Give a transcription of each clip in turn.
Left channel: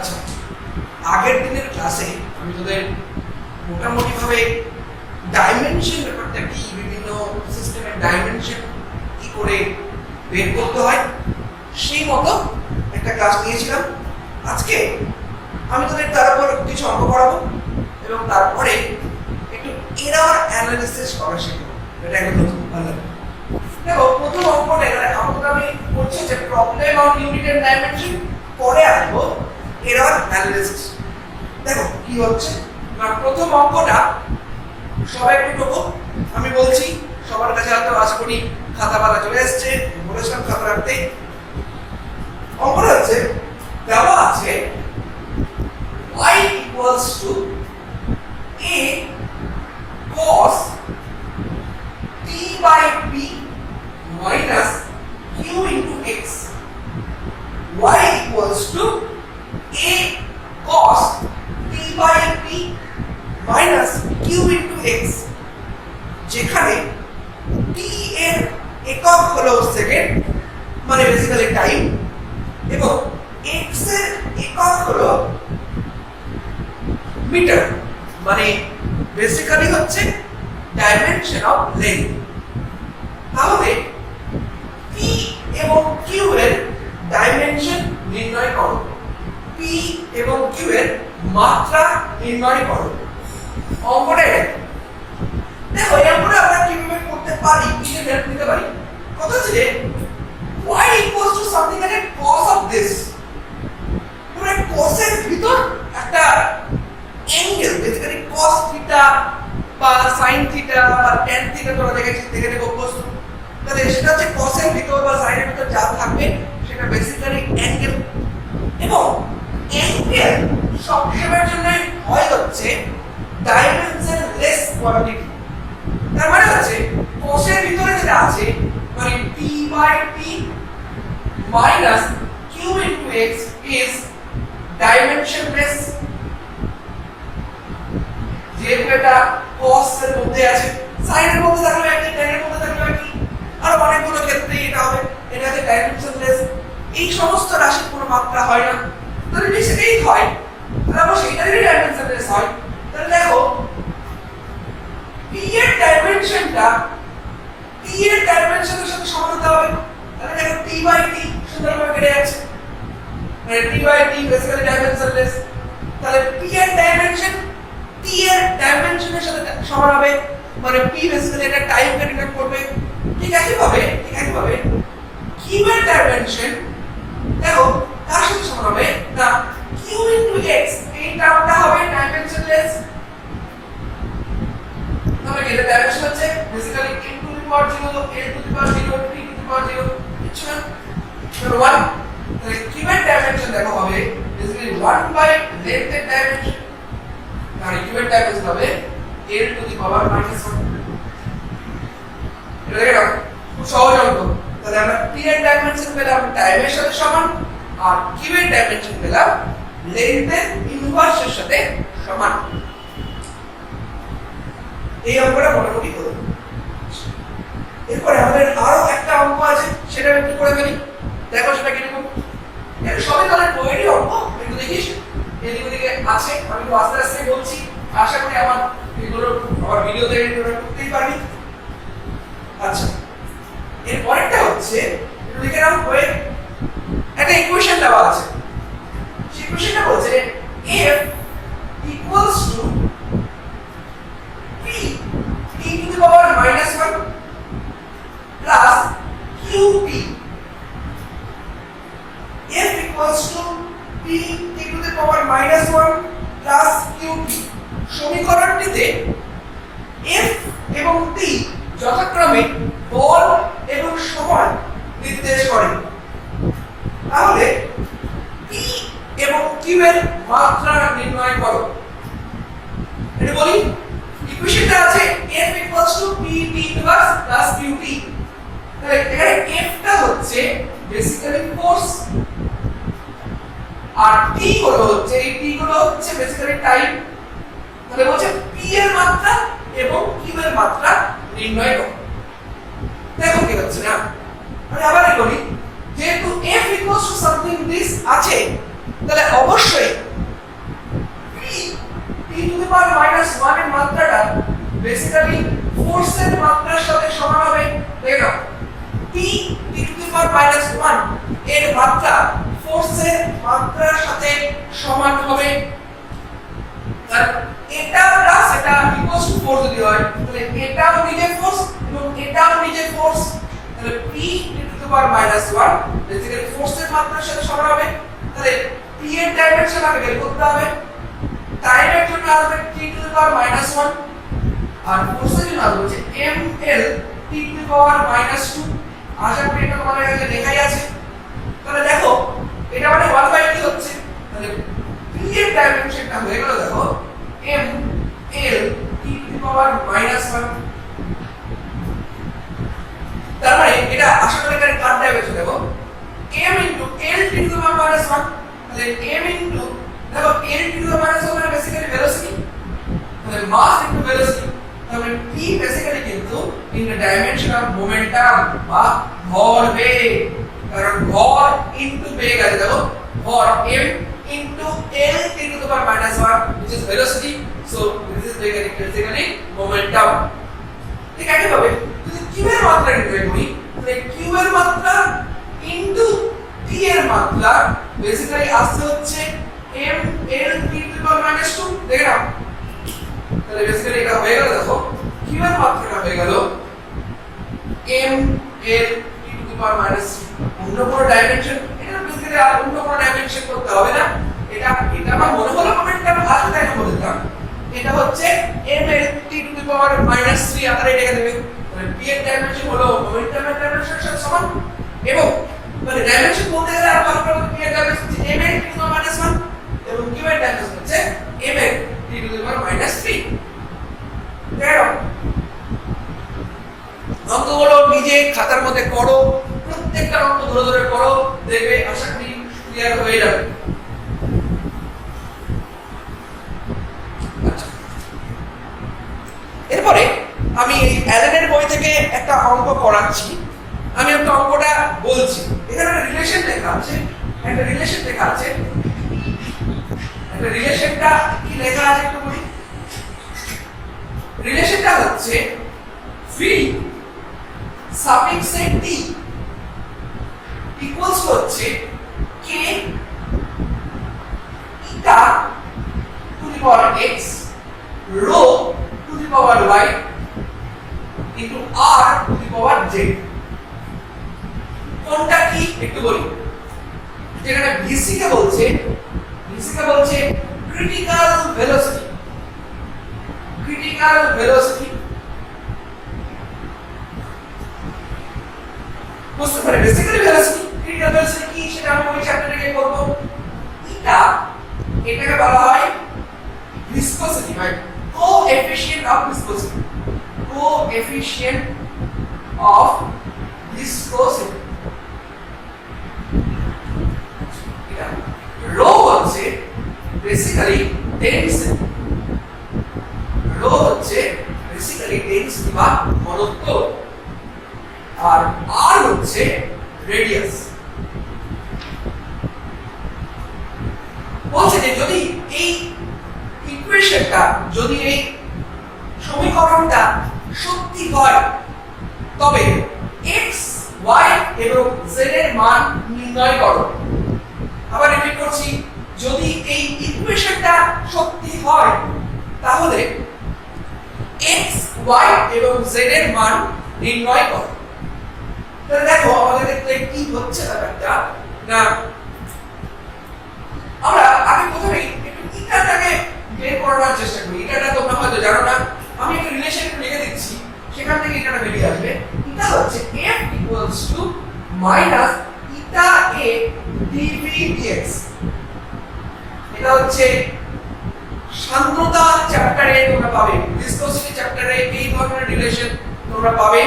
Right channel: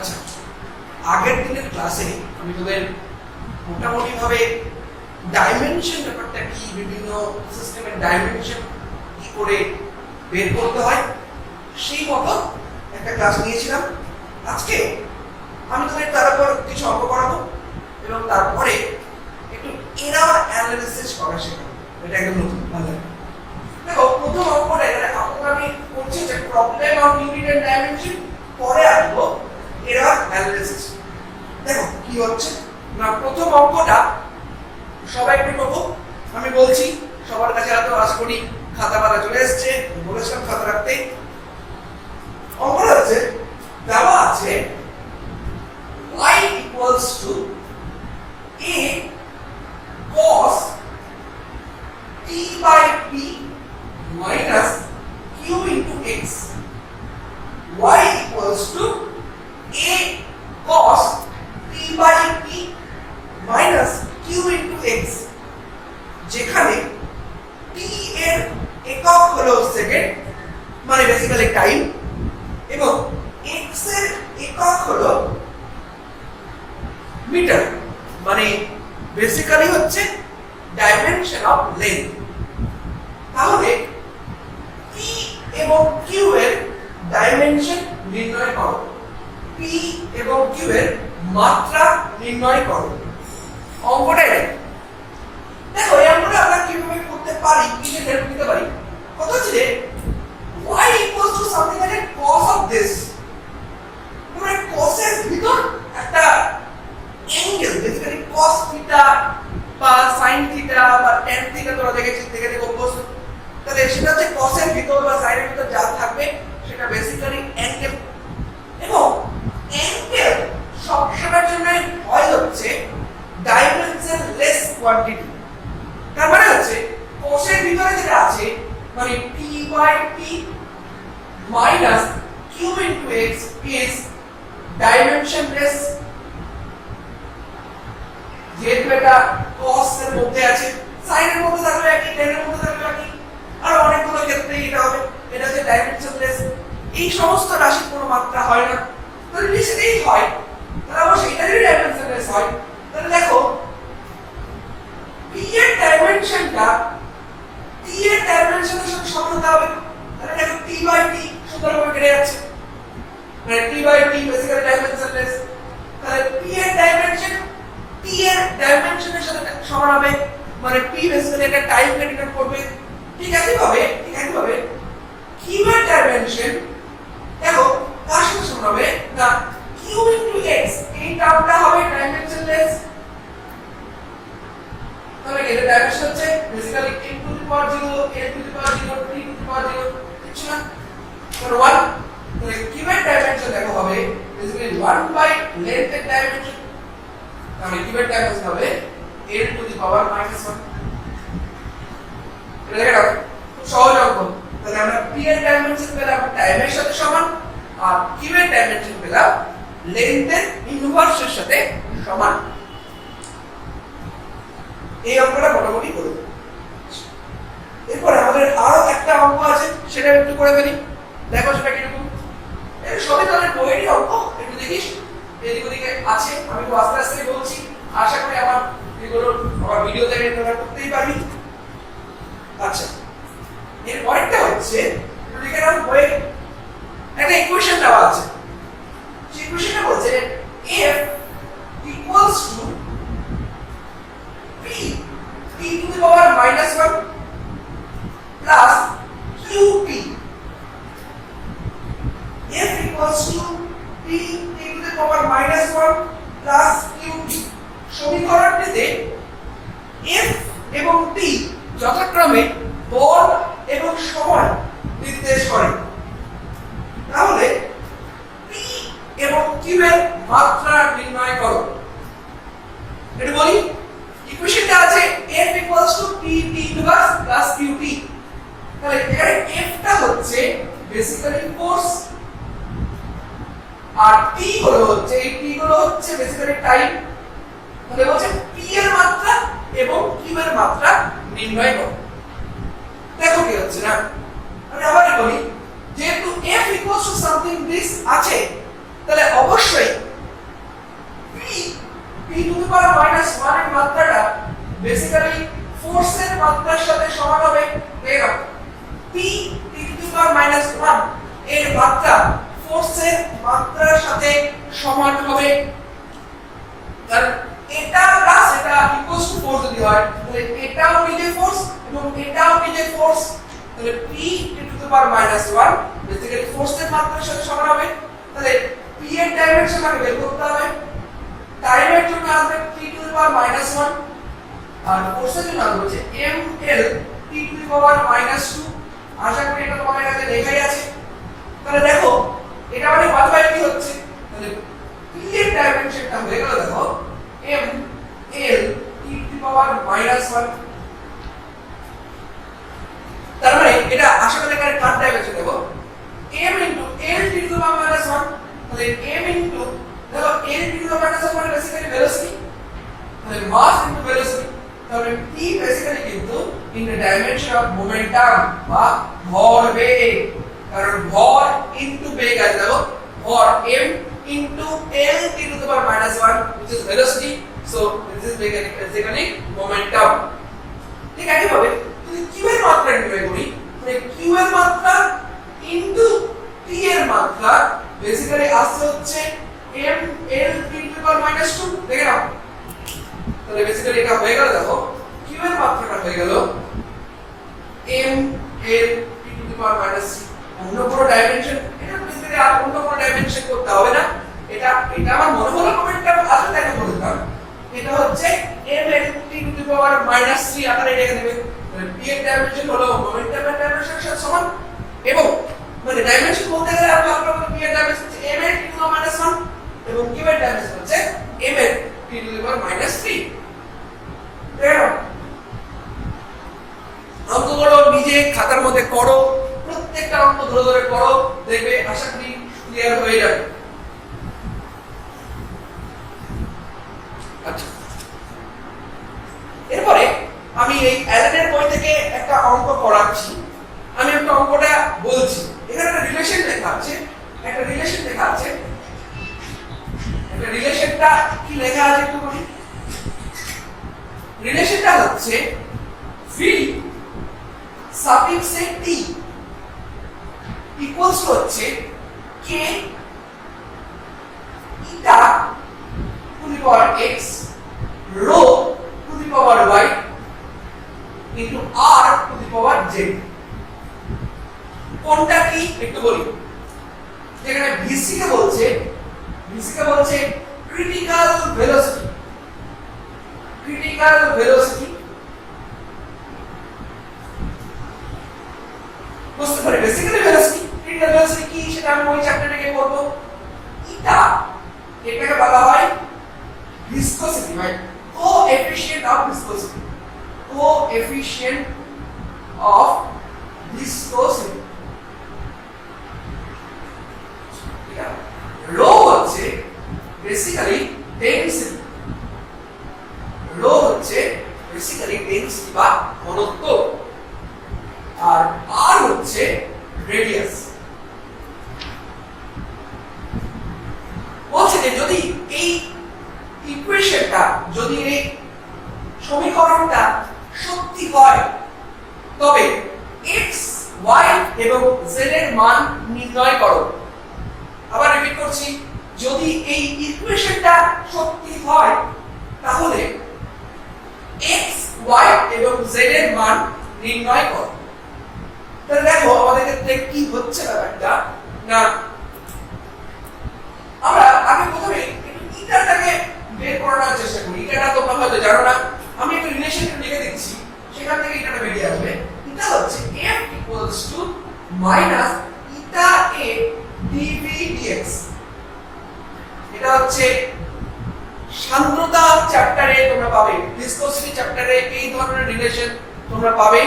আচ্ছা, আগের দিনের ক্লাসে আমি তোদের মোটামুটি ভাবে ডাইমেনশন ব্যাপারটা কি, বিভিন্ন সিস্টেমের ডাইমেনশন কি করে বের করতে হয় সেই মতো একটা ক্লাস নিয়েছিলাম। আজকে আমি তোদের তার উপর কিছু অঙ্ক করাবো এবং তারপরে একটু এরর অ্যানালিসিস করা শেখাবো। এটা একদম নতুন। দেখো, প্রথম অঙ্কটা অঙ্কটা আমি করছি যে problem on unit and dimension, পরে আসবো এরর অ্যানালিসিস। দেখো কি হচ্ছে না, প্রথম অঙ্কটা সবাই একটু করবো। আমি বলছি সবার কাছে হয়তো আশা করি খাতা পাতা চলে এসছে, বলেছিলাম খাতা রাখতে। অঙ্কটা হচ্ছে দেওয়া আছে y equals to a cos t by p minus q into x. Y equals to a cos t by p minus q into x, যেখানে t এর একক হলো সেকেন্ড, মানে বেসিক্যালি টাইম, এবং x এর একক হলো মিটার, মানে বেসিক্যালি হচ্ছে ডাইমেনশন অফ লেন্থ। তাহলে p এবং q এর ডাইমেনশন নির্ণয় করো, p এবং q এর মাত্রা নির্ণয় করো। অঙ্কটা দেখো, এই অঙ্কটা আমরা কিভাবে করতে পারি, কিসে হেল্প নিতে পারি। কথা হচ্ছে যে y equals to something like a cos of this, মানে cos এর ভিতর একটা অ্যাঙ্গেল, বেসিক্যালি cos থিটা বা sin থিটা বা tan থিটা তোমরা দেখে অভ্যস্ত। তাহলে সেটা হচ্ছে cos এর ভিতর বা sin এর ভিতর যা থাকবে সেটা বেসিক্যালি অ্যাঙ্গেল, এবং অ্যাঙ্গেল সবসময়ের জন্য হয় হচ্ছে ডাইমেনশন লেস কোয়ান্টিটি। তার মানে হচ্ছে cos এর ভিতরে যেটা আছে মানে p by p minus q into x is dimensionless। যেহেতু এটা cos এর মধ্যে আছে, sin এর মধ্যে থাকলে একই, tan এর মধ্যে থাকলে একই, আর অনেকগুলো ক্ষেত্রে এটা হবে, এটা হচ্ছে ডাইমেনশনলেস। এই সমস্ত রাশির কোনো মাত্রা হয় না, তাহলে যদি সেটাই হয় তাহলে অবশ্যই এটারই ডাইমেনশনলেস হয়। তাহলে দেখো p এর ডাইমেনশনটা t এর ডাইমেনশনের সাথে সমান হতে হবে। তাহলে দেখো t by t সুন্দরভাবে কেটে যাচ্ছে, মানে t by t basically dimensionless. তাহলে p এর ডাইমেনশন t এর ডাইমেনশনের সাথে সমান হবে, মানে p বেসিক্যালি একটা টাইমকে ডিনোট করবে। ঠিক একইভাবে q এর ডাইমেনশন দেখো কার সাথে সমান হবে না q into x, এই টার্মটা হবে ডাইমেনশনলেস। তবে এর ডাইমেনশন হচ্ছে basically n to the power 0, l to the power 0, t to the power 0, কিছু না, তাহলে 1। তাহলে q এর ডাইমেনশন দেখো হবে বেসিক্যালি 1 বাই লেন্থ এর ডাইমেনশন, মানে q এর ডাইমেনশন হবে l টু দি পাওয়ার -1। এটা দেখো খুব সহজ অঙ্ক। তাহলে আমরা p এর ডাইমেনশন পেলাম টাইমের সাথে সমান, আর q এর ডাইমেনশন পেলাম লেন্থের ইনভার্সের সাথে সমান। এই অঙ্কটা মোটামুটি করব। এরপরে আমাদের আরো একটা অঙ্ক আছে, সেটা একটু করে ফেলি। দেখো সেটা কিরকম। এটা সবই তাদের বইয়েরই অঙ্ক, একটু দেখিস এদিক ওদিকে আছে। আমি আস্তে আস্তে বলছি, আশা করি আমার এগুলো ভিডিও দেখে তোমরা করতেই পারবি। আচ্ছা, এর পরেরটা হচ্ছে একটু লিখে নাও, বইয়ে একটা ইকুয়েশন দেওয়া আছে। সেই ইকুয়েশনটা বলছে f equals to p t to the power -1 plus qt। f equals to p t to the power -1 plus qt। সমীকরণটিতে f এবং t যথাক্রমে বল এবং সময় নির্দেশ করে। তাহলে p এবং q এর মাত্রা নির্ণয় করো। এটা বলি, ইকুয়েশনটা আছে f equals to p t to the plus qt। তাহলে এখানে f টা হচ্ছে বেসিক্যালি ফোর্স, আর t গুলো হচ্ছে বেসিক্যালি টাইম। তাহলে বলছে p এর মাত্রা এবং q এর মাত্রা নির্ণয় করো। দেখো কি হচ্ছে না, আমি আবার বলি, যেহেতু f equals to something this আছে, তাহলে অবশ্যই p টু দি পাওয়ার -1 এর মাত্রাটা বেসিক্যালি ফোর্সের মাত্রার সাথে সমান হবে দেখো p টু দি পাওয়ার -1 এর মাত্রা ফোর্সের মাত্রার সাথে সমান হবে। আর এটা প্লাস এটা ইকুয়ালস টু 4 যদি হয় তাহলে এটাও নিজে ফোর্স এবং এটাও নিজে ফোর্স, তাহলে p two the power -1 basically ফোর্সের মাত্রার সাথে সমান হবে। তাহলে p এর ডাইমেনশন আমাকে বের করতে হবে, টাইমের জন্য আসবে t টু দি পাওয়ার -1 আর ফোর্সের জন্য আসবে হচ্ছে ml t টু দি পাওয়ার -2। আশা করি এটা তোমাদের কাছে লেখাই আছে। তাহলে দেখো এটা মানে 1/t হচ্ছে, তাহলে p এর ডাইমেনশনটা হয়ে গেল দেখো ml t to the power -1। তার মানে এটা আশা করি এখানে কার ডাইমেনশন দেখো m into l t to the power -1, তাহলে m ইনটু দেখো l t to the power -1 মানে বেসিক্যালি ভেলোসিটি, তাহলে মাস ইনটু ভেলোসিটি, তাহলে p বেসিক্যালি কিন্তু in the dimension of momentum বা ভরবেগ, কারণ ভর ইনটু বেগ আছে দেখো ভর m into l t to the power -1 which is velocity, so this is basically momentum। ঠিক আছে ভাবে যদি q এর মাত্রা নির্ণয় করি তাহলে q এর মাত্রা into t এর মাত্রা বেসিক্যালি আসছে হচ্ছে m l t to the power -2 দেখে নাও। তাহলে বেসিক্যালি এটা হয়ে গেল দেখো q এর মাত্রাটা হয়ে গেল m l t to the power -2। অন্য কোনো ডাইমেনশন এটা বেসিক্যালি আর অন্য কোনো ডাইমেনশন করতে হবে না, এটা আমার মনে হলো মোমেন্টাম আসলে তাই বলতাম এটা হচ্ছে m l t to the power -3 আকারে লিখে দেবে। তাহলে p এর ডাইমেনশন হলো মোমেন্টামের ডাইমেনশনের সাথে সমান এবং মানে ডাইমেনশন বলতে গেলে আর ভালো করে p এর dimension m l t to the power -1 এবং q এর ডাইমেনশন হচ্ছে m l t to the power -3। দেখো অঙ্কগুলো নিজে খাতার মধ্যে করো, প্রত্যেকটা অঙ্ক ধরে ধরে করো, দেখবে আশা করি ক্লিয়ার হয়ে যাবে। এরপরে আমি এই অ্যালেনের বই থেকে একটা অঙ্ক করাচ্ছি, আমি একটা অঙ্কটা বলছি, এখানে একটা রিলেশন লেখা আছে, একটা রিলেশন লেখা আছে, একটা রিলেশনটা কি লেখা আছে একটু বলি। রিলেশনটা হচ্ছে v সাফিক্স t ইকুয়ালস হচ্ছে k eta two the power x rho two the power y into r to the power z। কোনটা কি একটু বলি। যেখানে vc কে বলছে ক্রিটিক্যাল ভেলোসিটি, ক্রিটিক্যাল ভেলোসিটি বুঝতে পারে বেসিক্যালি ভেলোসিটি ক্রিটিক্যাল ভেলোসিটি কি সেটা আমি ওই চ্যাপ্টারে গিয়ে করব। এটাকে বলা হয় ভিসকসিটি, মানে coefficient of viscosity, coefficient of viscosity. Rho হচ্ছে বেসিক্যালি ডেনসিটি, রো হচ্ছে বেসিক্যালি ডেনসিটি বা ঘনত্ব, আর r হচ্ছে রেডিয়াস। বলছে যে যদি এই ইকুয়েশনটা, যদি এই সমীকরণটা সত্যি হয় তবে x y এবং z এর মান নির্ণয় করো। আবার রিপিট করছি, যদি এই ইকুয়েশনটা সত্যি হয় তাহলে x y এবং z এর মান নির্ণয় করো। তাহলে দেখো আমাদের ক্ষেত্রে কি হচ্ছে ব্যাপারটা না, আমরা আগে প্রথমে একটু ইটাটাকে বের করার চেষ্টা করি। ইটাটা তোমরা হয়তো জানো না, আমি একটা রিলেশন লিখে দিচ্ছি, সেখান থেকে ইটাটা বেরিয়ে আসবে। এটা হচ্ছে f equals to minus eta a dv dx। এটা হচ্ছে সান্দ্রতা চ্যাপ্টারে তোমরা পাবে, ভিসকসিটি চ্যাপ্টারে এই ধরনের রিলেশন তোমরা পাবে।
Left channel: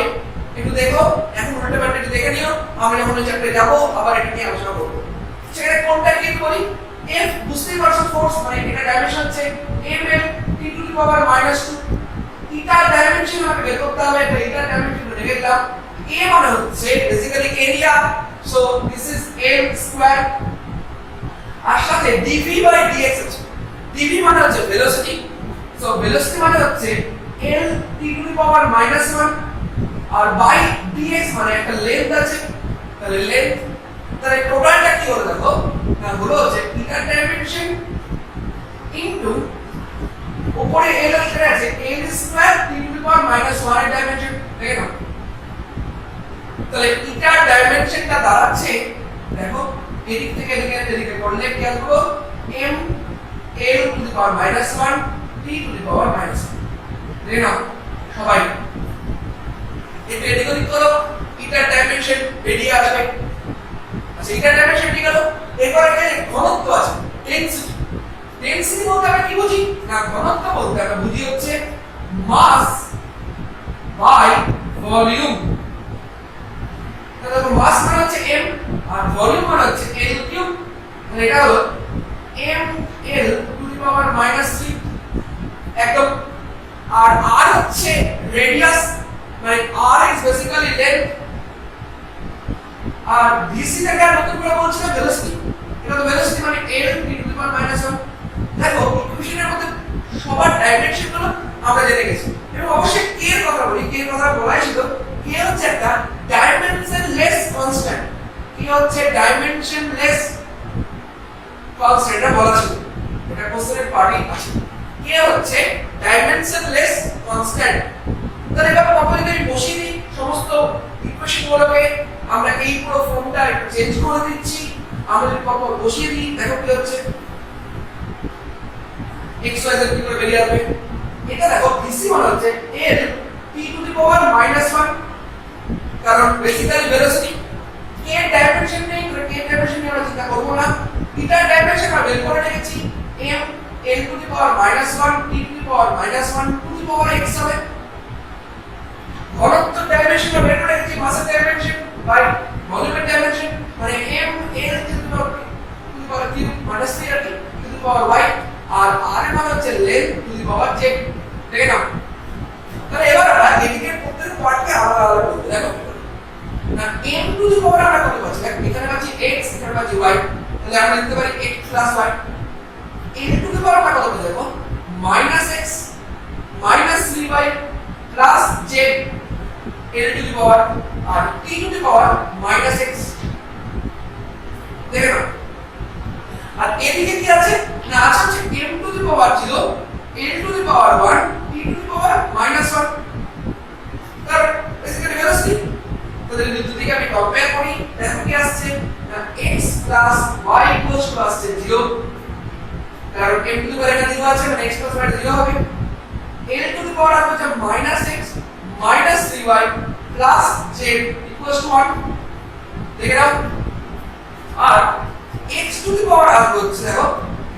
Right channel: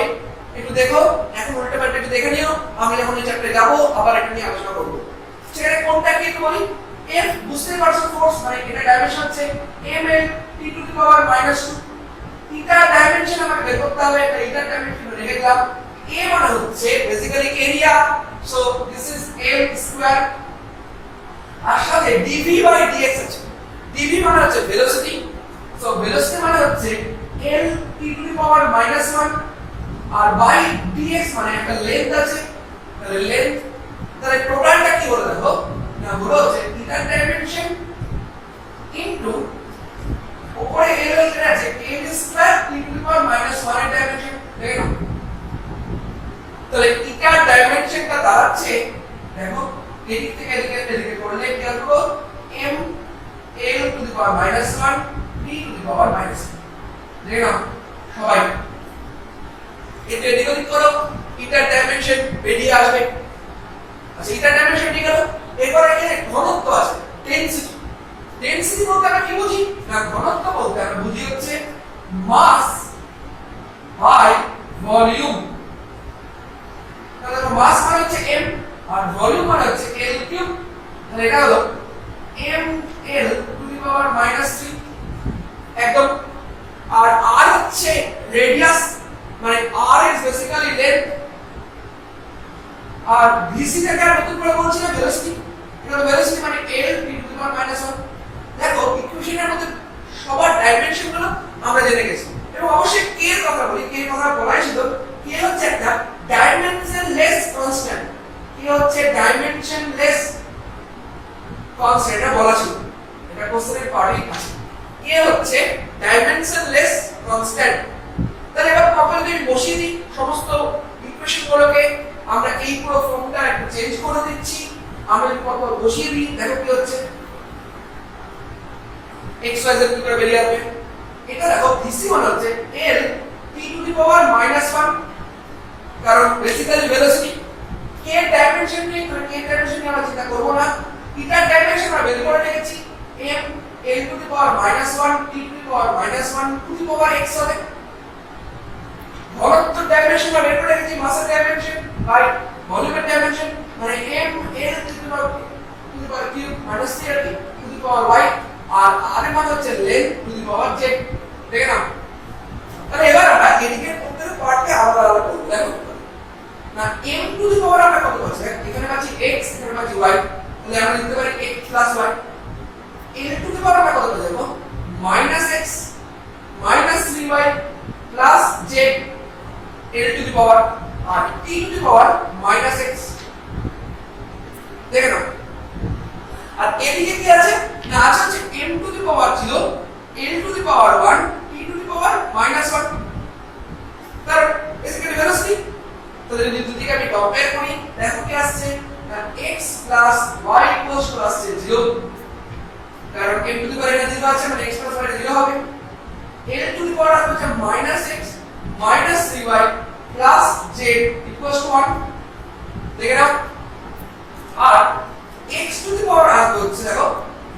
একটু দেখো, এখন উল্টো পাল্টা একটু দেখে নিও, আমি যখন ওই চ্যাপ্টারে যাবো আবার এটা নিয়ে আলোচনা করবো। সেখানে কোনটা কি বলি, f বুঝতেই পারছো ফোর্স, মানে এটা ডাইমেনশন হচ্ছে ml t টু দি পাওয়ার -2। এটা ডাইমেনশন আমাকে বের করতে হবে, এটা ডাইমেনশন লিখে দিলাম। a মানে হচ্ছে basically area, so this is m square. আর সাথে যে dv বাই dx আছে, dv মানে হচ্ছে ভেলোসিটি, সো ভেলোসিটি মানে হচ্ছে l t to the power -1 আর বাই dx মানে একটা লেন্থ আছে, তাহলে লেন্থ, তাহলে টোটালটা কি হলো দেখো না, হলো হচ্ছে থিটার ডাইমেনশন ইনটু উপরে l এখানে আছে l square t to the power -1 এর ডাইমেনশন, দেখে নাও। তাহলে থিটার ডাইমেনশনটা দাঁড়াচ্ছে দেখো এদিক থেকে এদিকে করলে কি আসবে m l to the power -1 t to the power -1, দেখে নাও সবাই এটা এদিক ওদিক করো, থিটার ডাইমেনশন বেরিয়ে আসবে। আচ্ছা থিটার ডাইমেনশন ঠিক হলো, এরপর এখানে ঘনত্ব আছে ডেনসিটি, ডেনসিটি বলতে আমরা কি বুঝি না, ঘনত্ব বলতে আমরা বুঝি হচ্ছে মাস বাই ভলিউম। তাহলে মাস মানে হচ্ছে m আর ভলিউম মানে হচ্ছে l কিউব, তাহলে এটা হলো m l to the power -3 একদম। আর r হচ্ছে রেডিয়াস, মানে r ইজ বেসিক্যালি লেন্থ, আর vc থেকে নতুন করে বলছি না ভেলোসিটি, এটা তো ভেলোসিটি মানে l t to the power -1। দেখো ইকুয়েশনের মধ্যে সবার ডাইমেনশন গুলো আমরা জেনে গেছি, এবং অবশ্যই k এর কথা বলি, k এর কথা বলাই ছিল, k হচ্ছে একটা ডাইমেনশনলেস কনস্ট্যান্ট, k হচ্ছে ডাইমেনশনলেস কনস্ট্যান্ট, এটা বলা ছিল, এটা কোশ্চেনের পার্টি আছে, k হচ্ছে ডাইমেনশনলেস কনস্ট্যান্ট। তাহলে এবার প্রপারলি আমি বসিয়ে দিই সমস্ত ইকুয়েশন গুলোকে, আমরা এই পুরো ফর্মটা একটু চেঞ্জ করে দিচ্ছি, আমরা যদি প্রপার বসিয়ে দিই দেখো কি হচ্ছে x y z করে বেরিয়ে আসবে। এটা দেখো vc মানে হচ্ছে l t to the power -1, কারণ বেসিক্যালি ভেলোসিটি k এর ডাইমেনশন নেই, মানে k এর ডাইমেনশন নিয়ে আমরা চিন্তা করব না, থিটার ডাইমেনশন আমরা বের করে রেখেছি m l to the power -1 t to the power -1 to the power x হবে। ঘনত্ব ডাইমেনশন আমরা বের করে রেখেছি মাসের ডাইমেনশন বাই ভলিউমের ডাইমেনশন, মানে m l to the power cube -3 আর টু দি পাওয়ার y, আর r এর মানে হচ্ছে length to the power z, দেখে নাও। তাহলে এবার আমরা এদিকের প্রত্যেক পার্টকে আলাদা আলাদা করব, দেখো না m টু দি পাওয়ার আমরা কত পাচ্ছি, এখানে পাচ্ছি x, এখানে পাচ্ছি y, তাহলে আমরা লিখতে পারি x plus y। l to the power আমরা কত পেয়ে যাব -x -3y plus z l to the power, আর t to the power -x, দেখে নাও। আর এদিকে কি আছে না, আছে হচ্ছে m টু দি পাওয়ার ছিল l to the power 1 t to the power -1, তার বেসিক্যালি ভেলোসিটি। তাহলে দুদিকে আমি কম্পেয়ার করি, দেখো কি আসছে না x plus y equals two আসছে 0, কারণ m টু দি পাওয়ার এখানে 0 আছে, মানে x প্লাস y 0 হবে। l টু দি পাওয়ার হচ্ছে -x -3y plus z equals to 1, দেখে নাও। আর x টু দি পাওয়ার আসবে হচ্ছে দেখো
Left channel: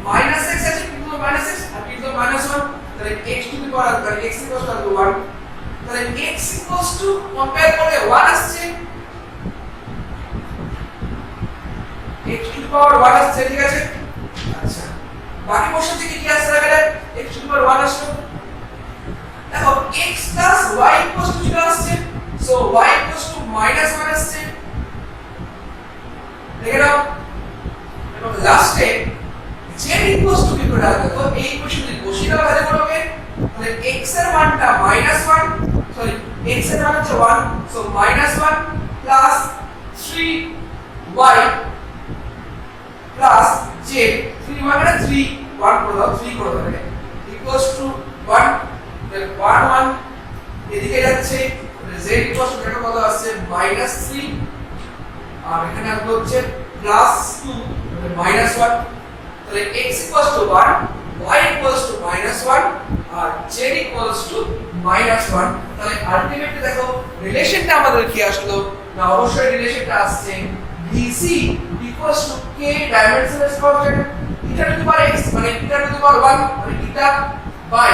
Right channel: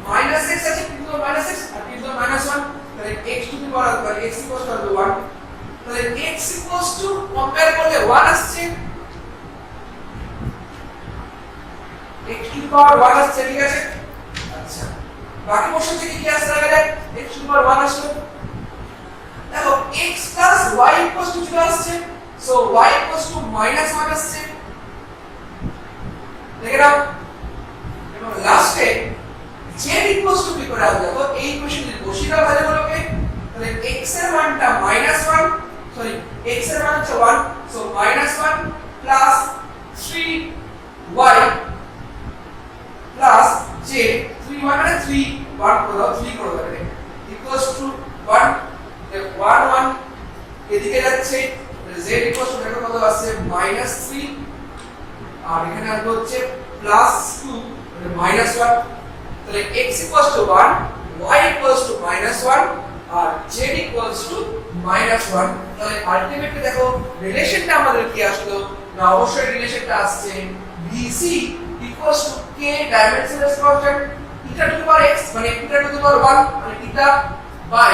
-x আছে কিন্তু -x আর কিন্তু -1, তাহলে x টু দি পাওয়ার আসবে x ইকুয়ালস টু 1, তাহলে x ইকুয়ালস টু কম্পেয়ার করলে 1 আসছে, x টু দি পাওয়ার 1 আসছে, ঠিক আছে। আচ্ছা বাকি কোশ্চেন থেকে কি আসছে এবারে, x টু দি পাওয়ার 1 আসলো, দেখো x plus y equals two 0 আসছে, সো y ইকুয়ালস টু -1 আসছে, দেখে নাও। এবং লাস্টে z ইকুয়ালস টু কি করে আসবে, তো এই ইকুয়েশন যদি বসিয়ে দাও ভ্যালুগুলোকে, তাহলে x এর মানটা -1, সরি x এর মান হচ্ছে 1, so -1 plus 3y plus z, 3y মানে 3 1 করে দাও, 3 করে দাও, ইকুয়ালস টু 1, 1 1 এদিকে যাচ্ছে, z ইকুয়ালস টু দেখো কত আসছে -3, আর এখানে আসবে হচ্ছে +2 মানে -1, তাহলে x equals to 1, y equals to -1 আর z ইকুয়ালস টু -1। তাহলে আলটিমেটলি দেখো রিলেশনটা আমাদের কি আসলো না, অবশ্যই রিলেশনটা আসছে BC equals to k dimensionless constant theta two the power x, মানে থিটা টু দি পাওয়ার 1 মানে থিটা বাই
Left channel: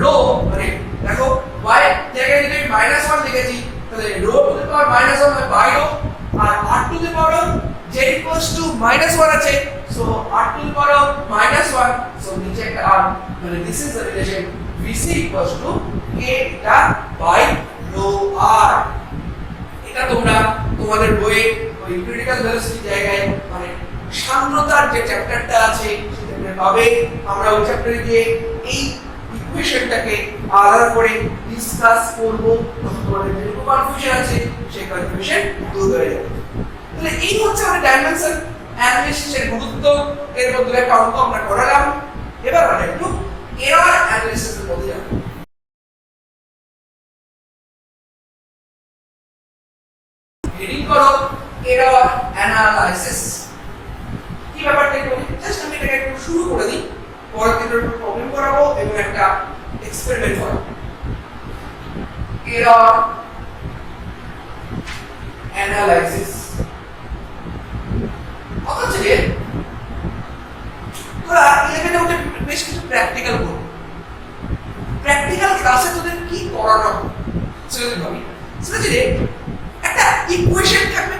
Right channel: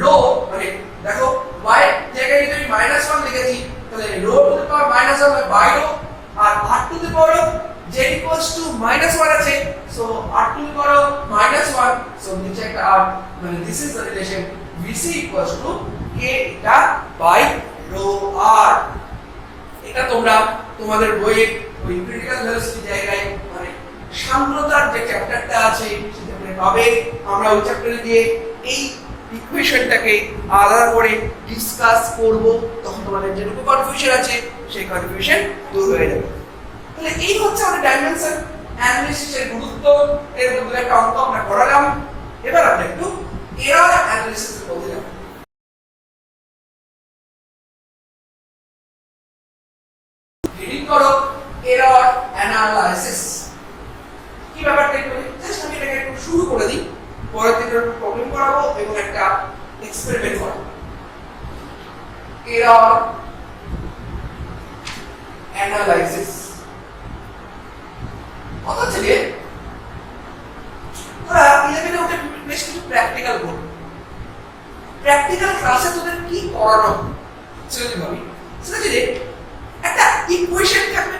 রো, মানে দেখো y জায়গায় যদি আমি -1 লিখেছি তাহলে রো টু দি পাওয়ার -1 মানে বাই রো, আর r to the power z equals to -1 আছে, so r to the power -1, so নিচে একটা r, মানে this is the relation VC equals to k theta by rho r। এটা তোমরা তোমাদের বইয়ে ওই ক্রিটিক্যাল ভেলোসিটি জায়গায় মানে সান্দ্রতার যে চ্যাপ্টারটা আছে সেটা পাবে। আমরা ওই চ্যাপ্টারে গিয়ে এই ইকুয়েশনটাকে আলাদা করে ডিসকাস করব, তখন তোমাদের যেটুকু কনফিউশন আছে সেই কনফিউশন দূর হয়ে যাবে। তাহলে এই হচ্ছে আমাদের ডাইমেনশন অ্যানালিসিসের গুরুত্ব। এর মধ্যে একটা অঙ্ক আমরা করালাম। এবার আমরা একটু এরর অ্যানালিসিসের মধ্যে যাব। হেডিং করো এরর অ্যানালাইসিস। কি ব্যাপারটা একটু জাস্ট আমি এটাকে একটু শুরু করে দিই, পরে একটু প্রবলেম করাবো এবং একটা এক্সপেরিমেন্ট করাবো। এরর অ্যানালাইসিস অথচ তোরা 11 উঠে বেশ কিছু প্র্যাকটিক্যাল করবো। প্র্যাকটিক্যাল ক্লাসে তোদের কি করানো সেটা যদি ভাবি, সেটা যদি একটা ইকুয়েশন থাকবে,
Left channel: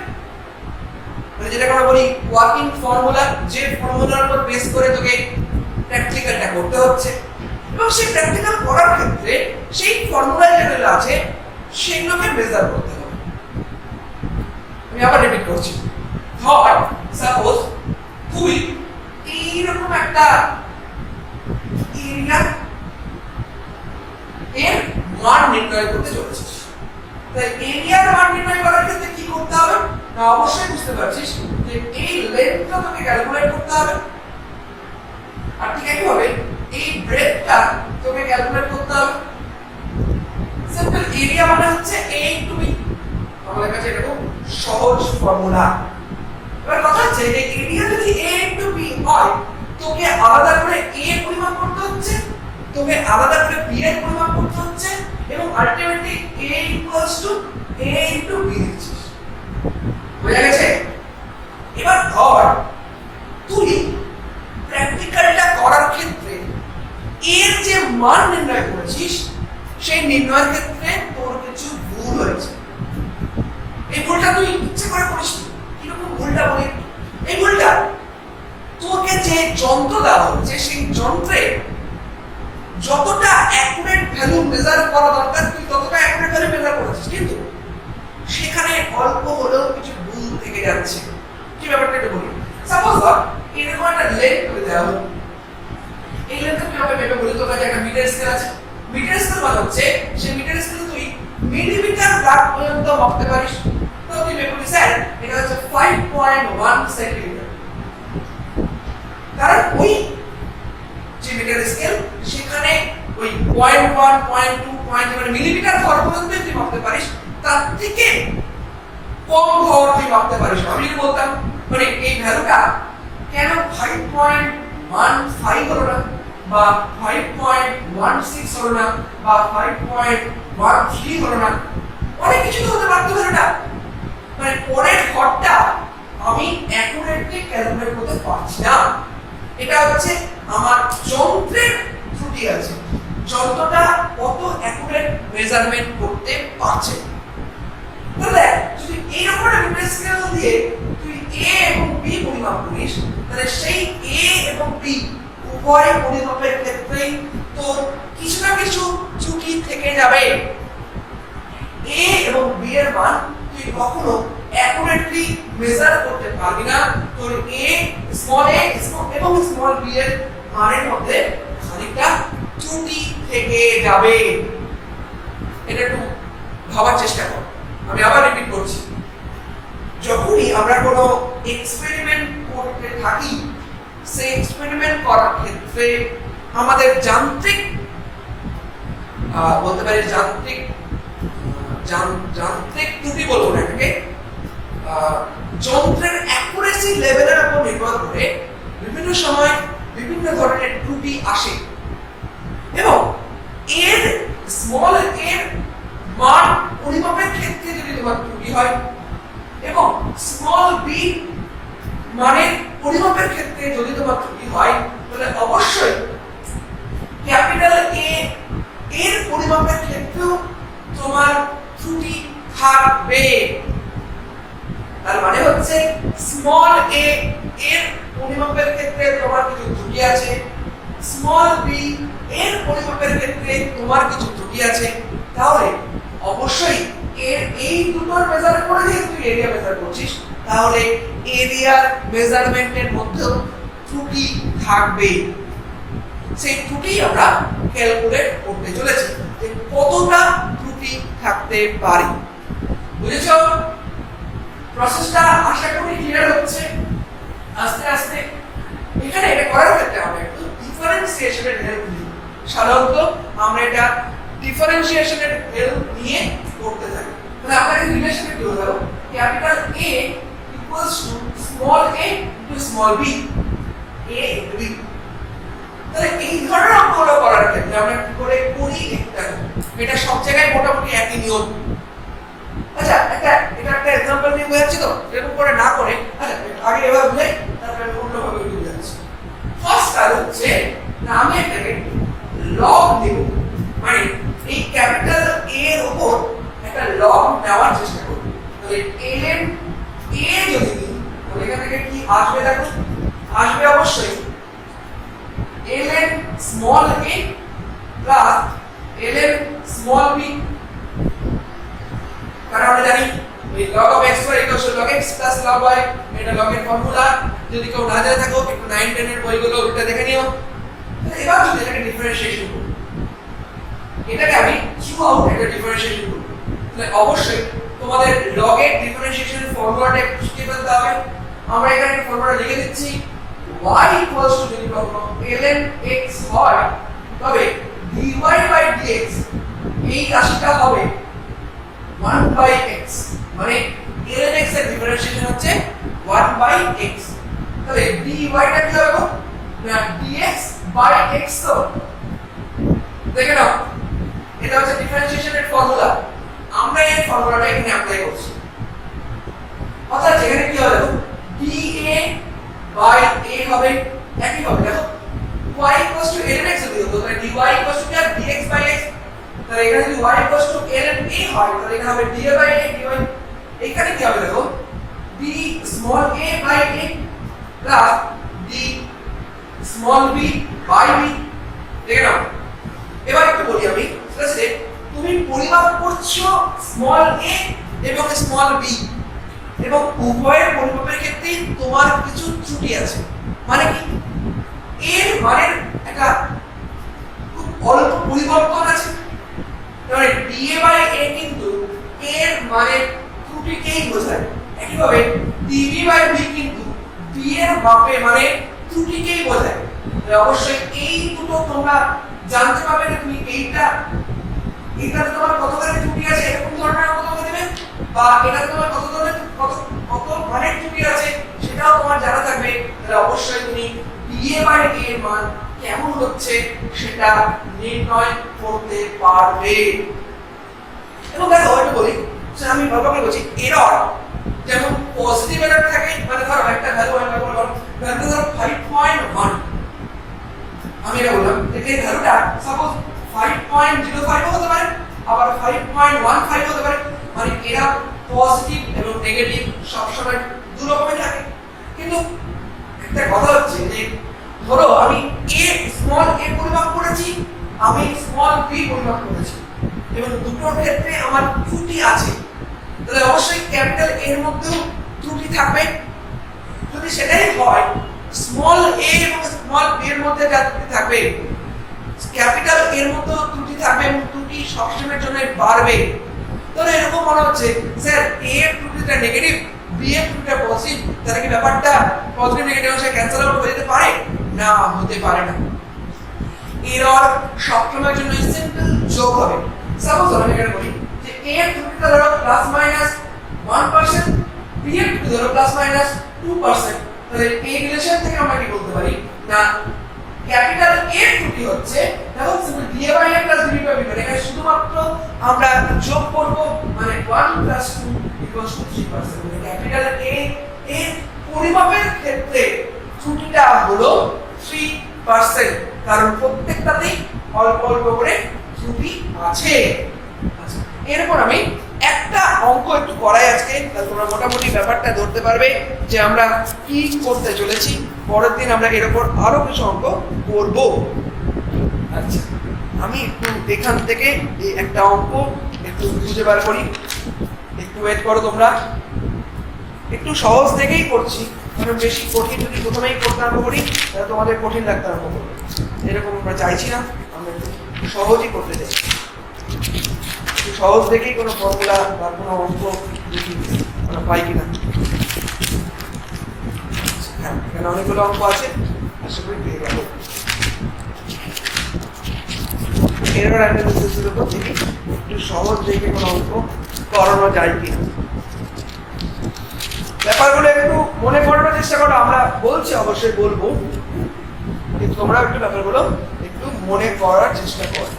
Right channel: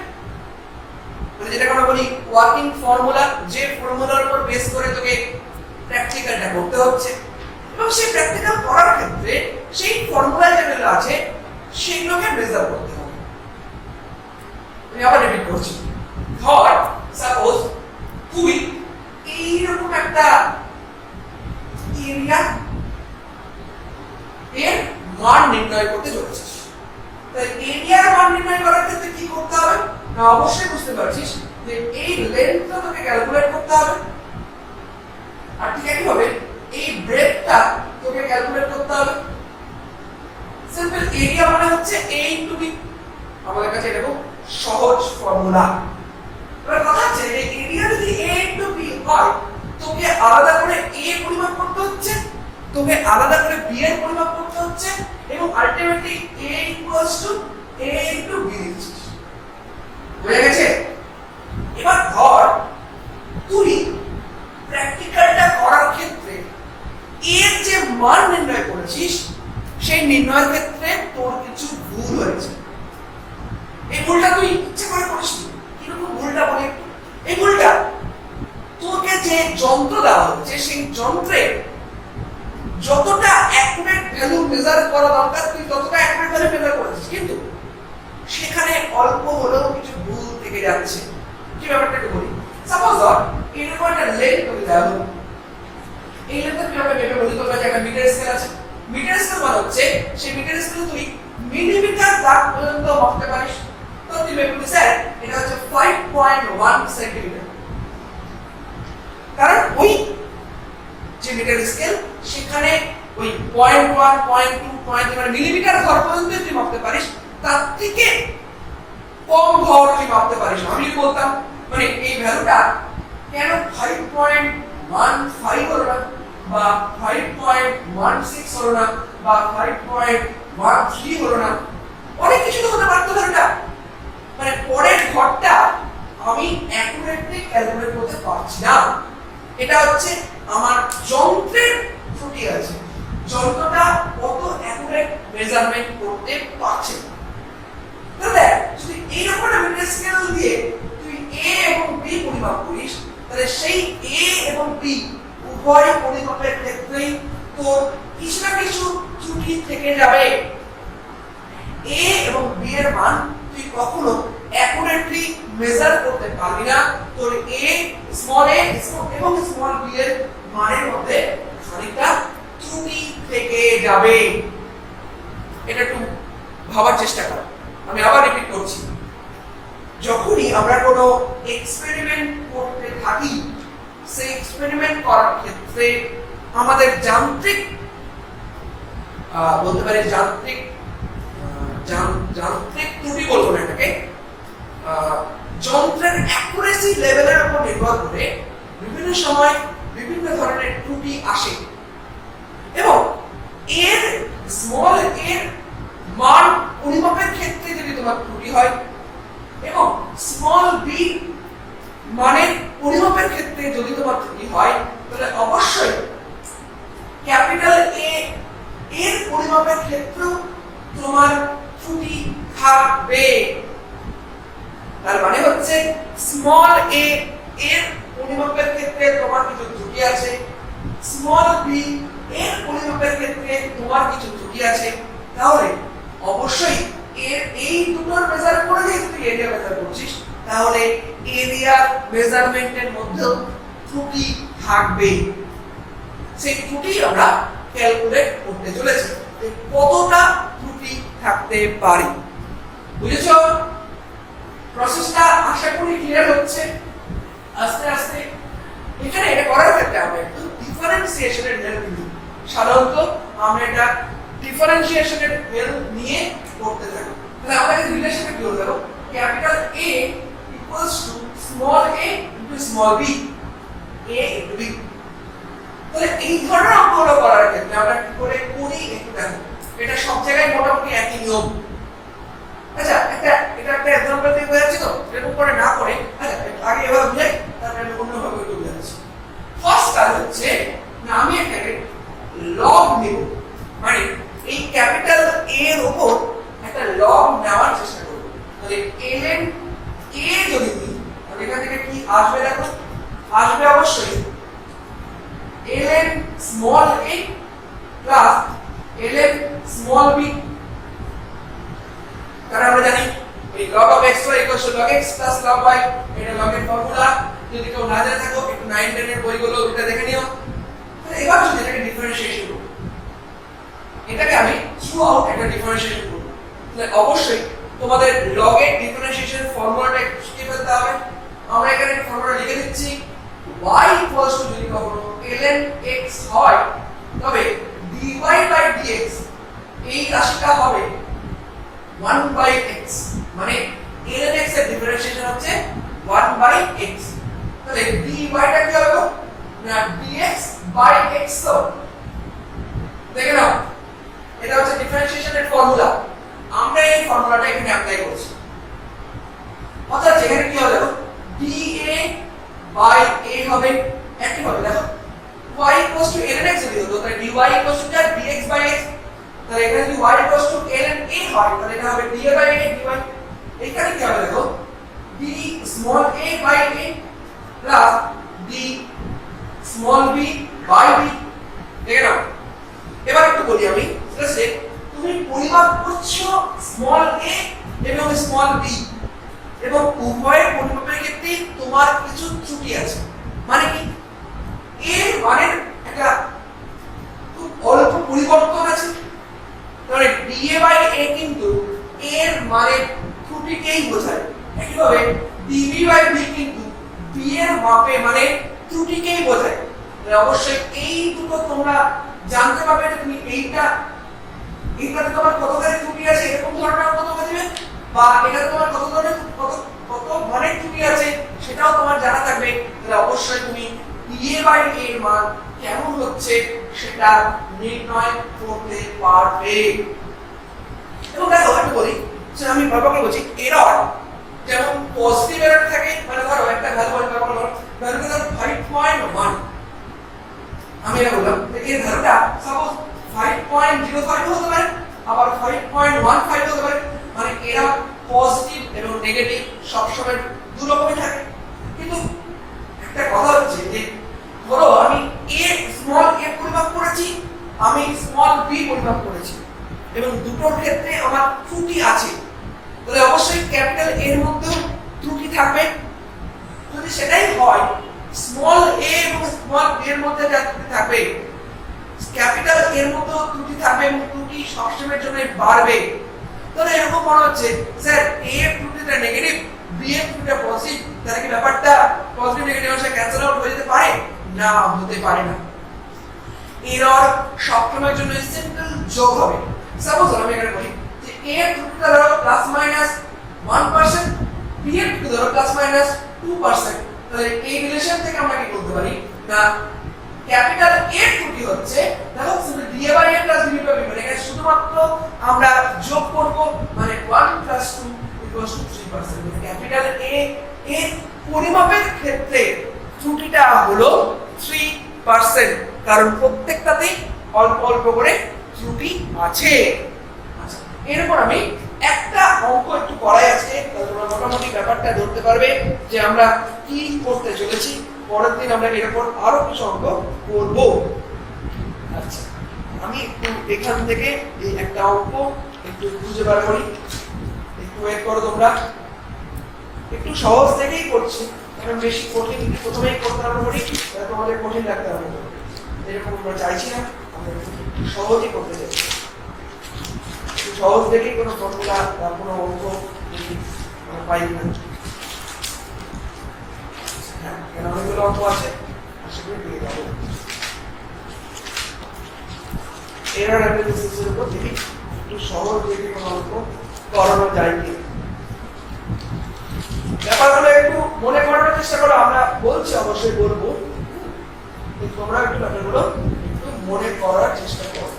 মানে যেটাকে আমরা বলি ওয়ার্কিং ফর্মুলা, যে ফর্মুলার উপর বেস করে তোকে প্র্যাকটিক্যালটা করতে হচ্ছে, এবং সেই প্র্যাকটিক্যাল করার ক্ষেত্রে সেই ফর্মুলা যেগুলো আছে সেগুলোকে মেজার করতে হবে। আমি আবার রিপিট করছি। ধর সাপোজ তুই এইরকম একটা এরিয়া এর মান নির্ণয় করতে চলেছিস। তাই এরিয়ার মান নির্ণয় করার ক্ষেত্রে কি করতে হবে না, অবশ্যই বুঝতে পারছিস যে এই লেন্থটা তোকে ক্যালকুলেট করতে হবে, আর ঠিক একইভাবে এই ব্রেডটা তোকে ক্যালকুলেট করতে হবে। সিম্পল এরিয়া মানে হচ্ছে a ইনটু b। আমাদের কাছে এরকম সহজ ফর্মুলা। এবার কথা হচ্ছে যে এরিয়া যদি a ইনটু b হয়, তোকে আলাদা করে a পরিমাপ করতে হচ্ছে, তোকে আলাদা করে b এর পরিমাপ করতে হচ্ছে, এবং ultimately a equals to a into b দিচ্ছিস। বুঝা গেছে? এবার ধর তুই প্র্যাকটিক্যালটা করার ক্ষেত্রে এর যে মান নির্ণয় করেছিস সেই নির্ণয়ের ক্ষেত্রে তোর কিছু ভুল হয়েছে। এই ভুলটা তুই ইচ্ছে করে করিস নি। কিরকম ভুলটা বলি? এই ভুলটা তোকে যে যন্ত্র দেওয়া হচ্ছে সেই যন্ত্রে যতটা অ্যাকুরেট ভ্যালু মেজার করা দরকার তুই ততটা অ্যাকুরেট ভ্যালু মেজার করেছিস, কিন্তু সেখানে অল্প হলেও কিছু ভুল থেকে যাচ্ছে। কি ব্যাপারটা একটু বলি। সাপোজ এরকম একটা লেন্থ করে দেওয়া হলো। এই লেন্থের কিভাবে ভেবে বলি, তোর কাছে একটা মিটার স্কেল আছে। মিটার স্কেল মানে হচ্ছে সেই মিটার স্কেলে তুই মিলিমিটার দাগ পর্যন্ত মাপতে পারিস। তো তুই ভেবে বলি স্যার এটা হচ্ছে 5.1 সেন্টিমিটার, কারণ ওই যে মিটার স্কেল সেখানে ওই 0.1 0.2 0.3 মানে মিলিমিটার ঘর পর্যন্ত তুই মাপতে পারিস, তার থেকে কম ঘর তুই মাপতে পারিস। আমি বলতাম মানে এই ভ্যালুটা কেন 5.15 হলো না, বা 5.16 হলো না, বা 5.13 হলো না, অনেক কিছু তো হতে পারতো না। মানে পরের ঘরটা আমি অ্যাকুরেটলি ক্যালকুলেট করতে পারছি না। এটা হচ্ছে আমার যন্ত্রের ত্রুটি আছে, যন্ত্রটা কত অ্যাকুরেট মেজারমেন্ট করতে পারছে। তাহলে যদি এইরকম একটা মিটার স্কেল দিয়ে তুই a এবং b পরিমাপ করিস, তাহলে সেই a এবং b উভয় পরিমাপের ক্ষেত্রেই তোর কিছু না কিছু ত্রুটি থেকে যাবে। a এবং b এর মান তুই কখনো অ্যাকুরেটলি মেজার করতে পারবি না। তোর স্মল a এবং স্মল b এর মানের মধ্যে খানিকটা ত্রুটি থেকে যাবে। এটা একটু ভাবার চেষ্টা কর। আমি আবার রিপিট করছি, যখনই আমরা কোনো এক্সপেরিমেন্ট করতে থাকি, সেই এক্সপেরিমেন্ট করার ক্ষেত্রে আমাদের যান্ত্রিক বলতে পারি যান্ত্রিক ত্রুটি বলবো না এটাকে, যন্ত্রের অ্যাকুরেসি লেভেলের উপর নির্ভর করে বিভিন্ন সময় বিভিন্ন ধরনের ত্রুটি আসে, এবং এর স্মল এর মান পরিমাপের ক্ষেত্রে যদি তোমার ত্রুটি হয় এবং স্মল বি মানের পরিমাপের ক্ষেত্রে যদি তোমার ত্রুটি হয়, তাহলে অবশ্যই ক্যাপিটাল এ এর পরিমাপের ক্ষেত্রেও তোমার ত্রুটি থাকবে। তার মানে হচ্ছে স্মল এ এর পরিমাপের ক্ষেত্রে তোমার কিছু ত্রুটি আছে, স্মল বি এর পরিমাপের ক্ষেত্রে তোমার কিছু ত্রুটি আছে। তাহলে অবশ্যই এর এই দুটোর মেজার করে যেহেতু তুই এরিয়া মেজার করছিস, তাহলে এরিয়ার মেজারমেন্টের মধ্যেও ত্রুটি থাকবে। সেই ত্রুটি আমরা ক্যালকুলেট করতে চলেছি যে কতটা ত্রুটি থাকতে পারে। বুঝেছো? প্রসেসটা আশা করি ক্লিয়ার হচ্ছে আস্তে আস্তে। এখানে এটা করার ক্ষেত্রে আমরা একটু ডিফারেন্সিয়েশনের হেল্প নিই। সাধারণত আমরা এটা ডিফারেন্সিয়েশনের হেল্প নিয়ে করতে থাকি। তাহলে আমরা এই রিলেশনে কি হলো? Capital A equals to small a into small b, a into b। তাহলে এই ধরনের অঙ্কগুলো করার ক্ষেত্রে আমরা কি করে করি একটু দেখো। এটা সব জায়গায় মোটামুটি একই নিয়ম। আচ্ছা এটা একটা एग्जांपल দিয়ে বোঝাচ্ছি তো, এরকম করে না করে আচ্ছা আগে এভাবে বুঝাই, তারপরে অন্যভাবে একটু বোঝাচ্ছি। ফার্স্ট কাজ হচ্ছে না আমি এটাকে লগ নেব, মানে এই ক্যাপিটাল A এর উপর একটা লগ নেওয়ার চেষ্টা করব। তাহলে ln A যদি নিই তাহলে এখান থেকে কি আসবে দেখো, আসবে অবশ্যই ln small a plus ln small b। কারণ আমরা জানি এই log of x y equals to log x plus log y, এটা log এর ফর্মুলা। যদি কেউ না জানে থাকো একটু 9 10 এর বইগুলো ওটা দেখে নিও। তাহলে এবার যদি এটাকে ডিফারেন্সিয়েশন করি, এটাকে আমি থ্রু আউট একটা ডিফারেন্সিয়েশন করব, তাহলে অবশ্যই তোমাদের log এর ডিফারেন্সিয়েশন ফর্মুলাটা একটু শিখে ফেলতে হবে। আমরা এখানে একটা ফর্মুলা লিখে দিচ্ছি, y equals to যদি কখনো ln x হয় তবে dy by dx এই রাশিটা হবে 1 by x, মানে ln x এর ডিফারেন্সিয়েশন হচ্ছে 1 by x। তাহলে dy টা কি হবে? না dx by x। তো দেখে নাও এটা হচ্ছে ডিফারেন্সিয়েশনের ফর্মুলা। আমরা এই ফর্মুলাটা এখানে অ্যাপ্লাই করছি। অর্থাৎ যেখানে কি হবে দেখো dA by a হবে একই হবে। দেখো y equals to ln x যদি হতো তাহলে dy equals to dx by x। তাহলে এখানে যদি y equals to ln a হয় তাহলে এখানে হবে dA by a dy। এখানে কি হবে দেখো d small a by a plus d small b by b। দেখে নাও এবার একটু বলি আমি, সেটা তুমি পরিমাপ করছো স্মল a এবং স্মল b, এবং উভয়ের পরিমাপের ক্ষেত্রে তোমার কিছু ত্রুটি আছে। মানে কি এর মানের একটা খুব অল্প পরিবর্তন আছে। তাহলে dA by a কিন্তু এর মানের ত্রুটিকেই বোঝায়। একইভাবে dB by b কিন্তু d এর মাপে মানে ত্রুটিকেই বোঝায়। তাহলে অবশ্যই এই দুটো তোমরা জানতে পারবে যে তুমি এইটাতে তোমার কতখানি ত্রুটি আছে এরকম ধরনের অঙ্ক তোমাকে দেবে, বা এটা তোমার কত ধরনের কত মানের ত্রুটি আছে সেটাও তোমার জানা থাকবে। তাহলে অবশ্যই তুমি dA by a এর মান কেমন হচ্ছে সেটা নির্ণয় করতে পারবে। এবং দেখো আমি বলি যে আমি বারবার বলছি এরর যেমন পজিটিভ এরর থাকে, মানে ধরো একটা ভ্যালু আমি বলবো ভ্যালু ধরো 5.1, আমি এটা বললাম যে এই ভ্যালুটা সাপোজ 5.05 হতে পারে, আবার 5.15 হতে পারে। মানে এরা পজিটিভ এবং নেগেটিভ সব সময় দুই রকমই থাকে। কিন্তু একটা কথা হচ্ছে যে ধরো আমি a স্মল a পরিমাপ করেছি, আমি স্মল b পরিমাপ করেছি, এবং দুটোর ক্ষেত্রে আমার ত্রুটি আছে। তাহলে অবশ্যই ক্যাপিটাল A এর মধ্যে ত্রুটি থাকবে। যদি সেটাই হয় স্মল a এবং স্মল b এর মধ্যে যা ত্রুটি থাকবে ক্যাপিটাল A এর মধ্যে ত্রুটি থাকবে এবং ত্রুটি সবসময়ের জন্য বাড়বে। তাহলে এরকম মনে হচ্ছে স্যার a এর ত্রুটিটা নেগেটিভ, b এর ত্রুটিটা পজিটিভ, তাহলে কি ব্যাপারটা পজিটিভ নেগেটিভ অংশে ক্যান্সেল আউট হয়ে যেতে পারে? না, হতে পারে না। এরর সবসময়ের জন্য সিম্পল যোগ হবে। সাপোজ আমি এখানে বলি যে a এর ত্রুটিটা ধরো +-1%, b এর ত্রুটি ধরো +-2%। তাহলে এই রিলেশন থেকে আমরা কি বলতে পারি না ক্যাপিটাল A এর ত্রুটি হচ্ছে দেখো simple dA by a plus dB by b, এখানে শুধুমাত্র আমরা যোগ করব, মানে 1 + 2 = 3%। মানে ক্যাপিটাল A এর পরিমাপের ক্ষেত্রে ত্রুটিটা হলো 3%, কারণ প্রত্যেকটাতেই অল্প অল্প করে ত্রুটি আছে। আচ্ছা এরপর আমি একটা অঙ্ক একটু করাই আজকে, তোমরা মোটামুটি ব্যাপারটা ধরতে পারবে যে আমরা কি করতে চলেছি। পরের দিন আমরা এরপর আরো কিছু অঙ্ক করব। আচ্ছা আমি একটু এখান থেকে এই একটা অঙ্ক একটু খুঁজে বার করি, একটু ওয়েট করো তোমরা। একটু সহজ দেখেই করছি, কারণ বেশি কঠিন যদি প্রথমেই করতে আরম্ভ করি তাহলে তোমাদের কঠিন লাগতে আরম্ভ করবে। এরকম আমরা চাইছি না, আমরা একটু সহজই করতে চাই। একটু সহজ দেখেই কোনো ফর্মুলা বা কোনো অঙ্ক দেখি আমরা পাই কিনা। হ্যাঁ, কেন অনেকগুলো অঙ্ক আছে, আশা করি পেয়ে যাবো। এরর অ্যানালিসিসের উপর থেকে একটু সহজ দেখে কোনো অঙ্ক করানো যায় কিনা। ব্যাপারগুলো একটু মনে করানোর চেষ্টা করো, আমরা বলছি অবশ্যই বলবো, কিন্তু তোমরা একটু ব্যাপারগুলো একটু মনে করার চেষ্টা করো।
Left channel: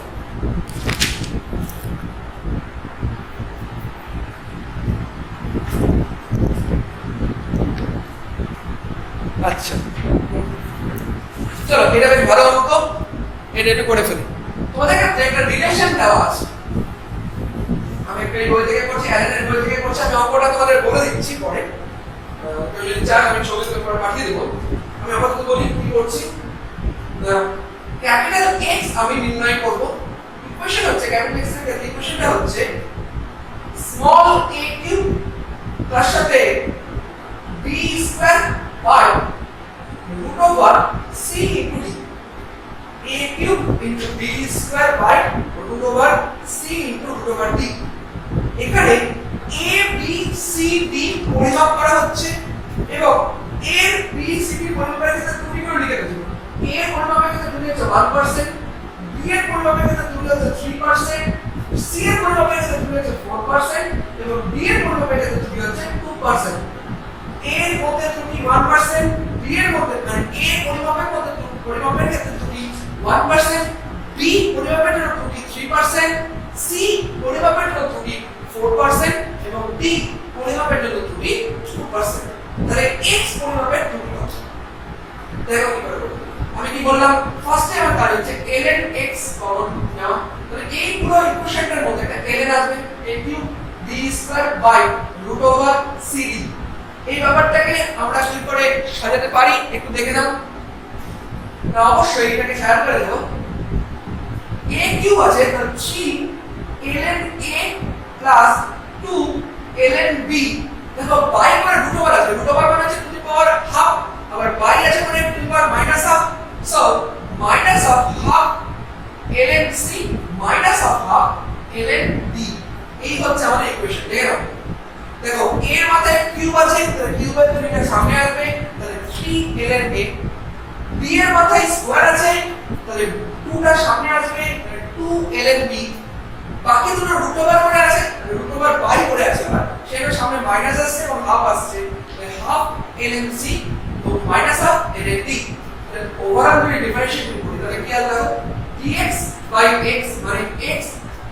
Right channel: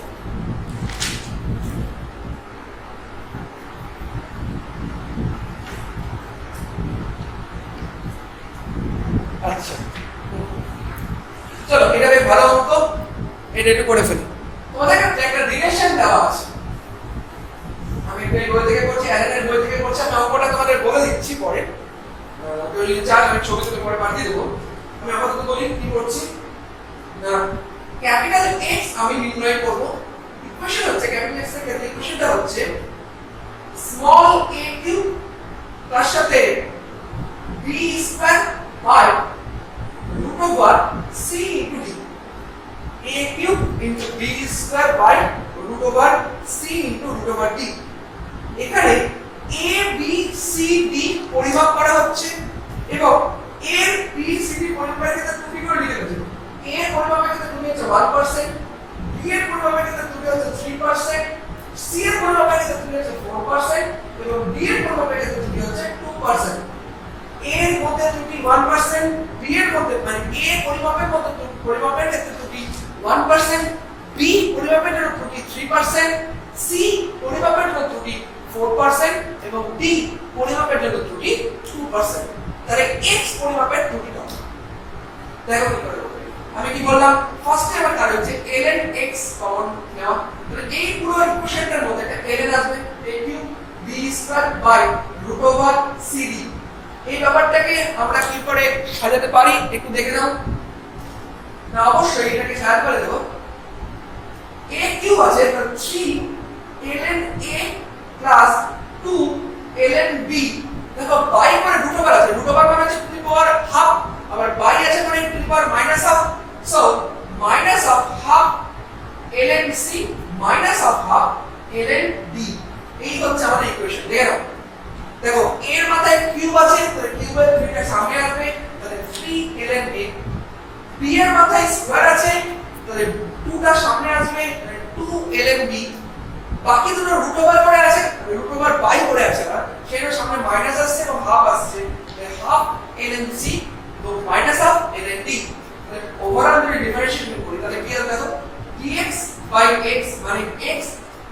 আচ্ছা চলো, এটা বেশ ভালো অঙ্ক, এটা একটু করে ফেলো। তোমাদের কাছে একটা রিলেশন দেওয়া আছে, আমি একটা বই থেকে করছি, অ্যালেনের বই থেকে করছি, আমি অঙ্কটা তোমাদের বলে দিচ্ছি পরে, কেউ যদি চান আমি ছবি তুলে পরে পাঠিয়ে দেবো। আমি আপাতত বলি কি করছি। ক্যাপিটাল এক্স আমি নির্ণয় করব। ইকুয়েশন হচ্ছে ক্যাপিটাল এক্স এর ক্ষেত্রে ইকুয়েশনটা হচ্ছে স্মল a কিউব তার সাথে b square by root over c into d। a cube into b square by root over c into root over d। এখানে a b c d পরিমাপ করা হচ্ছে এবং এর b c d পরিমাপের ক্ষেত্রে ত্রুটি করে লিখে দেব। a এর পরিমাপের ক্ষেত্রে ত্রুটি হচ্ছে 1%, b এর পরিমাপের ক্ষেত্রে ত্রুটি হচ্ছে 3%, c এর পরিমাপের ক্ষেত্রে ত্রুটি হচ্ছে 4% এবং d এর পরিমাপের ক্ষেত্রে ত্রুটি হচ্ছে 2%। a এর মধ্যে ত্রুটি 1%, b এর মধ্যে মানে a পরিমাপের ক্ষেত্রে ত্রুটি 1%, b পরিমাপের জন্য ত্রুটি 3%, c পরিমাপের জন্য ত্রুটি 4% এবং d পরিমাপের জন্য ত্রুটি 2%। তাহলে x পরিমাপের ত্রুটি কত? দেখো কি করে। আমি কি বললাম, ফার্স্টে আমার তার হচ্ছে ln x কমন নেওয়া। তাহলে এই পুরো ইকুয়েশনটার মধ্যে একটা ln আসবে, a cube b square by root over cd। এই ব্যাপারটাকে আমরা কি করে সাজাতে পারি একটু দেখে নাও। না অবশ্যই এটাকে শেয়ার করে দেব। a কিউব আছে, তাহলে 3 ln a plus 2 ln b। দেখো বাই করে রুট ওভার আছে, রুট ওভার মানে হচ্ছে টু দি পাওয়ার হাফ, আবার বাই আছে মানে two the power minus half. So minus of half ln c minus of half ln d। এই হচ্ছে আমাদের ইকুয়েশন। দেখো দেখো এর মাথায় কিউব আছে, তাহলে কিউবের 3টা সামনে আসবে, তাহলে 3 ln a। b এর মাথায় স্কয়ার আছে, তাহলে 2টা সামনে আসবে, 2 ln b। বাকি দুটো রুট ওভার করে আছে, রুট ওভার বাই করে আছে, আর সেটার সামনে মাইনাস আসছে এবং হাফ আসছে, তাহলে হাফ ln c তো মাইনাস হাফ ln d। তাহলে ওভারঅল যদি ডিফারেন্সিয়েশন করি তাহলে কি আসবে, দেখো dx বাই x মানে x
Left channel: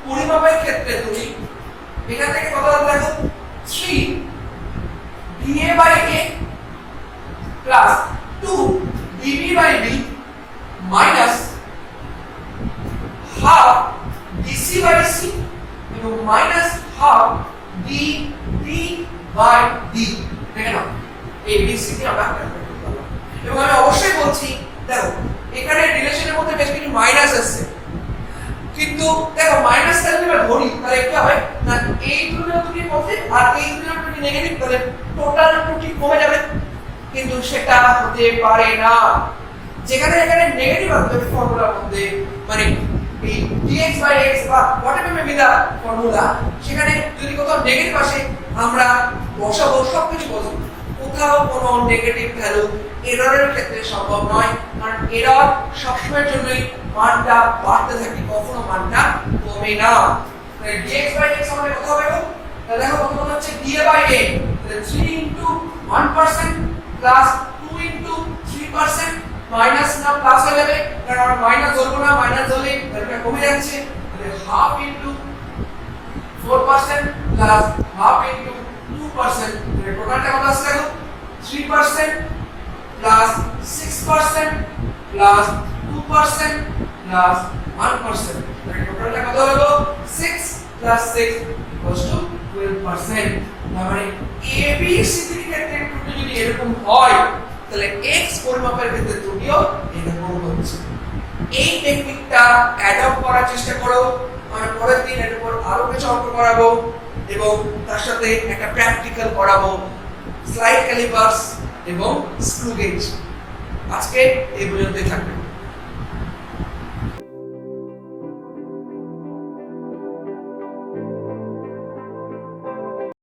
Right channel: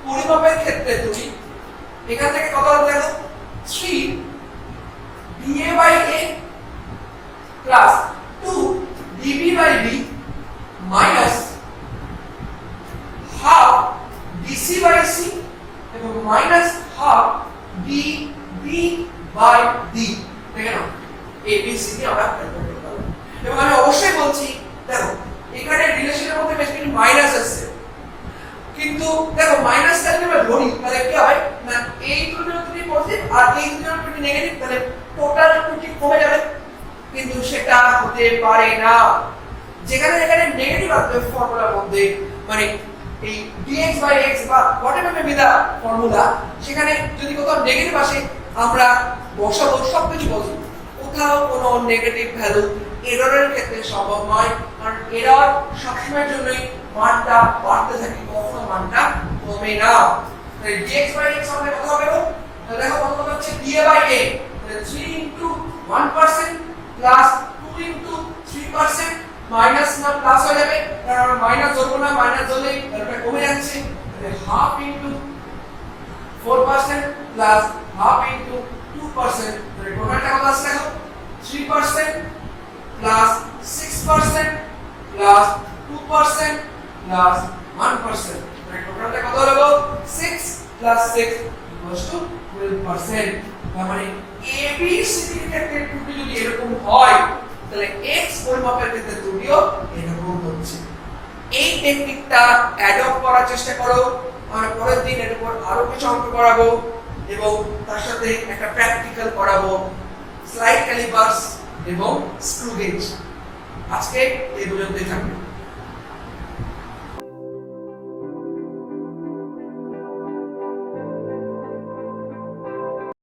পরিমাপের ক্ষেত্রে তুমি এখান থেকে কত হবে, দেখো 3 dA by a plus 2 dB by b minus half dc by c এবং minus half dB by d। দেখে নাও a b c কে আমরা ক্যালকুলেট করতে পারবো। এবং আমি অবশ্যই বলছি, দেখো এখানে রিলেশনের মধ্যে বেশ কিছু মাইনাস আছে, কিন্তু দেখো মাইনাস থাকলে আমরা ধরি তাহলে কি হয় না, এই দুটোর ত্রুটি পজিটিভ আর এই দুটোর ত্রুটি নেগেটিভ, তাহলে টোটাল ত্রুটি কমে যাবে, কিন্তু সেটা হতে পারে না। যেখানে এখানে নেগেটিভ আসবে ফর্মুলার মধ্যে, মানে এই dx by x বা whatever may be the formula, সেখানে যদি কোথাও নেগেটিভ আসে আমরা বসাবো সবকিছু বসবো, কোথাও কোনো নেগেটিভ ভ্যালু এররের ক্ষেত্রে সম্ভব নয়, কারণ এরর সবসময়ের জন্যই মানটা বাড়তে থাকে, কখনো মানটা কমে না। তাহলে dx by x আমাদের কত হবে গো, তাহলে দেখো কত হচ্ছে dA by a, তাহলে 3 into 1% plus 2 into 3% মাইনাস না প্লাস হয়ে যাবে, কারণ আমরা মাইনাস ধরবো না, মাইনাস ধরলে এটা কমে যাচ্ছে, তাহলে half into 4% plus half into 2%, তাহলে টোটালটা কত আসছে দেখো 3% প্লাস 6% প্লাস 2% প্লাস 1%, তাহলে টোটালটা কত হলো 6 প্লাস 6 12%। মানে a b c d এর ক্ষেত্রে ত্রুটি যদি এরকম হয় তাহলে x পরিমাপের ক্ষেত্রে ত্রুটিও এরকম হচ্ছে। এই টেকনিকটা অ্যাডপ্ট করার চেষ্টা করো। আমরা পরের দিন এর উপর আরো কিছু অঙ্ক করাবো এবং তার সাথে একটা প্র্যাকটিক্যাল করাবো। স্লাইড ক্যালিপার্স এবং স্ক্রু গেজ। আজকে এই পর্যন্তই থাকবে।